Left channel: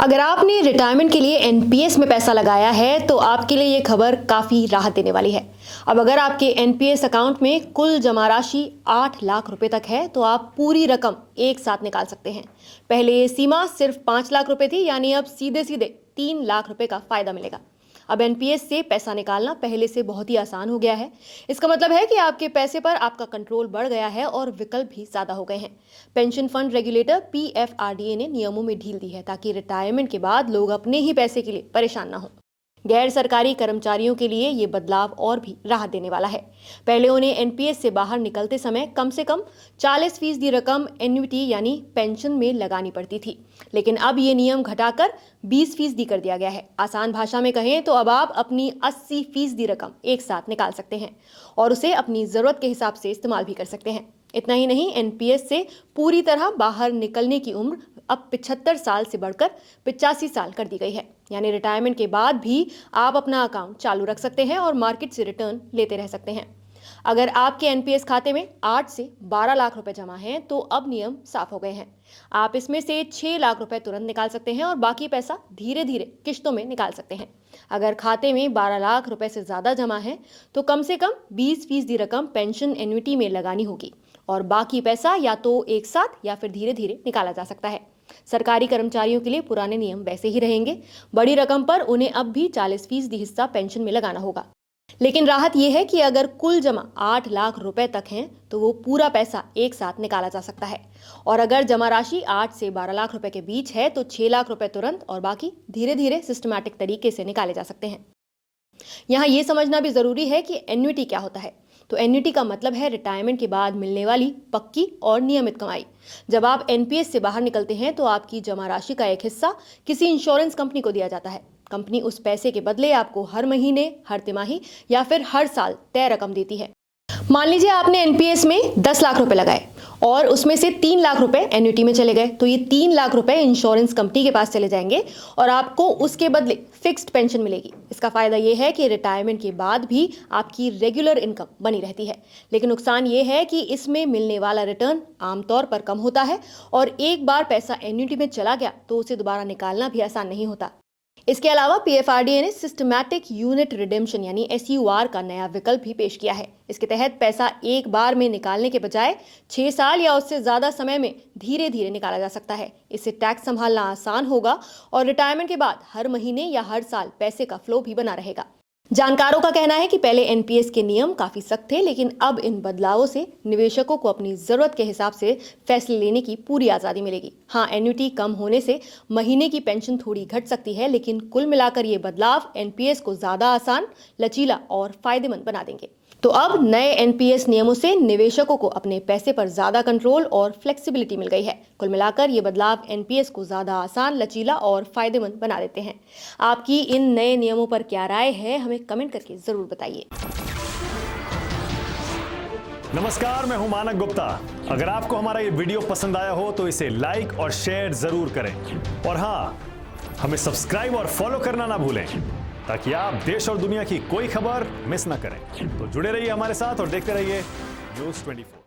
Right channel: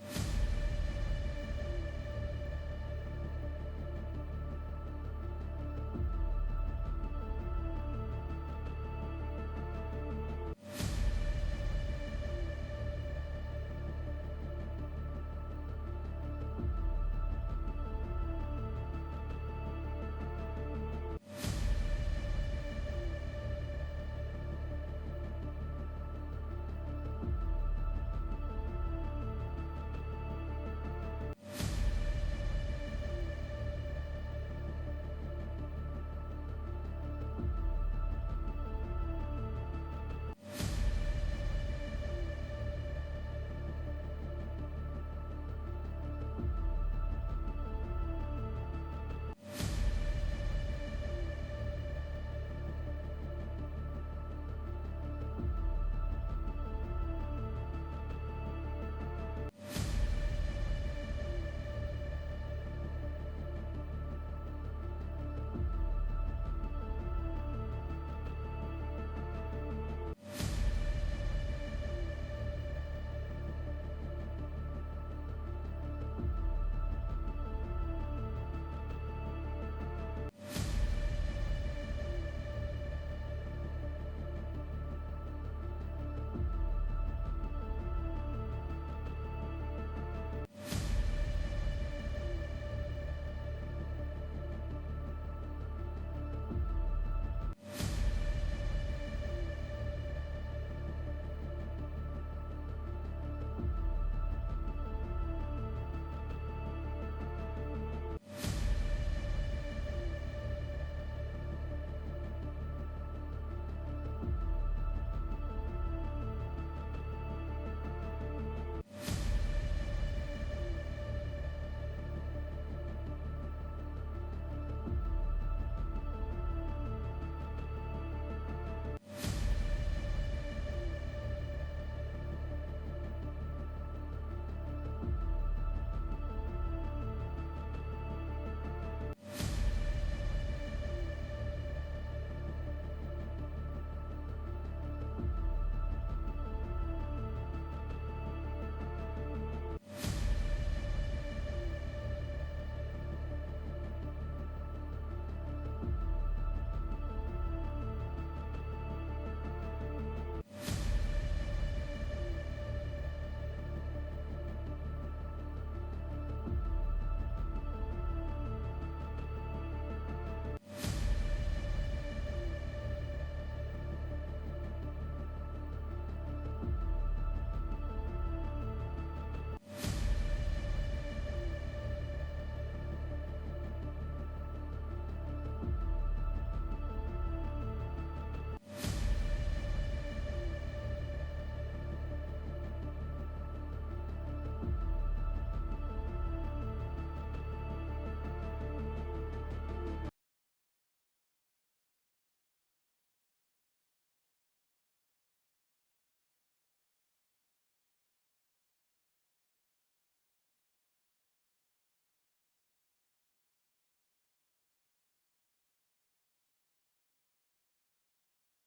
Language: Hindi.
अगर आपने रिटायरमेंट के लिए एनपीएस में पैसा लगाया है तो आपके लिए ये खबर काफ़ी राहत देने वाली है। अब अगर आपके एनपीएस अकाउंट में कुल जमा राशि 8 लाख रुपए तक है तो आप पूरी रकम एक साथ निकाल सकते हैं। पहले ये सीमा सिर्फ 5 लाख रुपए थी, यानी अब सीधे सीधे 3 लाख रुपए का फायदा मिलेगा। अब एनपीएस से पैसा निकालना पहले से बहुत ही आसान हो गया है। इसका मतलब है कि आपके पैसे पर आपका कंट्रोल बढ़ गया है और विकल्प भी ज्यादा हो गए हैं। पेंशन फंड रेगुलेटर पीएफआरडीए ने नियमों में ढील दी है ताकि रिटायरमेंट के बाद लोग अपने ही पैसे के लिए परेशान ना हो। गैर सरकारी कर्मचारियों के लिए ये बदलाव और भी राहत देने वाला है। पहले उन्हें एनपीएस से बाहर निकलते समय कम से कम 40% रकम एन्युटी यानी पेंशन में लगानी पड़ती थी, लेकिन अब ये नियम घटाकर 20% कर दिया गया है। आसान भाषा में कहें तो अब आप अपनी 80% रकम एक साथ निकाल सकते हैं और उसे अपनी जरूरत के हिसाब से इस्तेमाल भी कर सकते हैं। इतना ही नहीं, एनपीएस से पूरी तरह बाहर निकलने की उम्र अब 75 साल से बढ़कर 85 साल कर दी गई है, यानी रिटायरमेंट के बाद भी आप अपना अकाउंट चालू रख सकते हैं और मार्केट से रिटर्न लेते रह सकते हैं। अगर आपके एनपीएस खाते में 8 से 12 लाख रुपए जमा हैं तो अब नियम साफ हो गए हैं। आप इसमें से 6 लाख रुपए तुरंत निकाल सकते हैं और बाकी पैसा धीरे धीरे किश्तों में निकाल सकते हैं। अगर खाते में 12 लाख रुपए से ज्यादा जमा है तो कम से कम 20% रकम पेंशन एन्युटी में लगानी होगी और बाकी पैसा या तो एक साथ या फिर धीरे धीरे निकाला जा सकता है। सरकारी कर्मचारियों के लिए पुराने नियम वैसे ही रहेंगे। बड़ी रकम पर उन्हें अब भी 40% हिस्सा पेंशन में लगाना होगा, लेकिन राहत यह है कि अगर कुल जमा 8 लाख रुपए तक है तो वो पूरा पैसा एक साथ निकाला जा सकता है और अगर जमा राशि 8 से 12 लाख रुपए के बीच है तो 6 लाख रुपए तुरंत और बाकी धीरे धीरे सिस्टमैटिक तरीके से निकाले जा सकते हैं। यहाँ ये समझना भी जरूरी है कि एन्युटी क्या होता है। तो एन्युटी का मतलब है रिटायरमेंट के बाद मिलने वाली पक्की और नियमित कमाई। जब आप एनपीएस से बाहर निकलते हैं तो आपकी जमा राशि का एक हिस्सा किसी इंश्योरेंस कंपनी को दिया जाता है। कंपनी उस पैसे के बदले आपको हर महीने, हर तिमाही या फिर हर साल तय रकम देती है। मान लीजिए आपने एनपीएस में 10 लाख रुपए लगाए और उसमें से 3 लाख रुपए एन्युटी में चले गए, तो ये 3 लाख रुपए इंश्योरेंस कंपनी के पास चले जाएंगे और आपको उसके बदले फिक्स्ड पेंशन मिलेगी। इसका फायदा ये है कि रिटायरमेंट के बाद भी आपकी रेगुलर इनकम बनी रहती है, लेकिन नुकसान ये है कि इसमें मिलने वाला रिटर्न आमतौर पर कम होता है और एक बार पैसा एन्युटी में चला गया तो उसे दोबारा निकालना भी आसान नहीं होता। इसके अलावा पीएफआरडीए ने सिस्टमैटिक यूनिट रिडेम्पशन यानी एसयूआर का नया विकल्प भी पेश किया है। इसके तहत पैसा एक बार में निकालने के बजाय 6 साल या उससे ज्यादा समय में धीरे धीरे निकाला जा सकता है। इससे टैक्स संभालना आसान होगा और रिटायरमेंट के बाद हर महीने या हर साल पैसे का फ्लो भी बना रहेगा। जानकारों का कहना है कि पहले एनपीएस के नियम काफी सख्त थे, लेकिन अब इन बदलावों से निवेशकों को अपनी जरूरत के हिसाब से फैसले लेने की पूरी आजादी मिलेगी। हाँ, एन्युटी कम होने से महीने की पेंशन थोड़ी घट सकती है, लेकिन कुल मिलाकर ये बदलाव एनपीएस को ज्यादा आसान, लचीला और फायदेमंद बना देंगे। तो अब नए एनपीएस नियमों से निवेशकों को अपने पैसे पर ज्यादा कंट्रोल और फ्लेक्सिबिलिटी मिल गई है। कुल मिलाकर ये बदलाव एनपीएस को ज्यादा आसान, लचीला और फायदेमंद बना देते हैं। आपकी इन नए नियमों पर क्या राय है, हमें कमेंट करके जरूर बताइए। नमस्कार, मैं हूं मानक गुप्ता। अगर आपको हमारा ये वीडियो पसंद आया हो तो इसे लाइक और शेयर जरूर करें और हाँ, हमें सब्सक्राइब और फॉलो करना ना भूलें ताकि आप देश और दुनिया की कोई खबर मिस ना करें। तो जुड़े रहिए हमारे साथ और देखते रहिए न्यूज़ 24।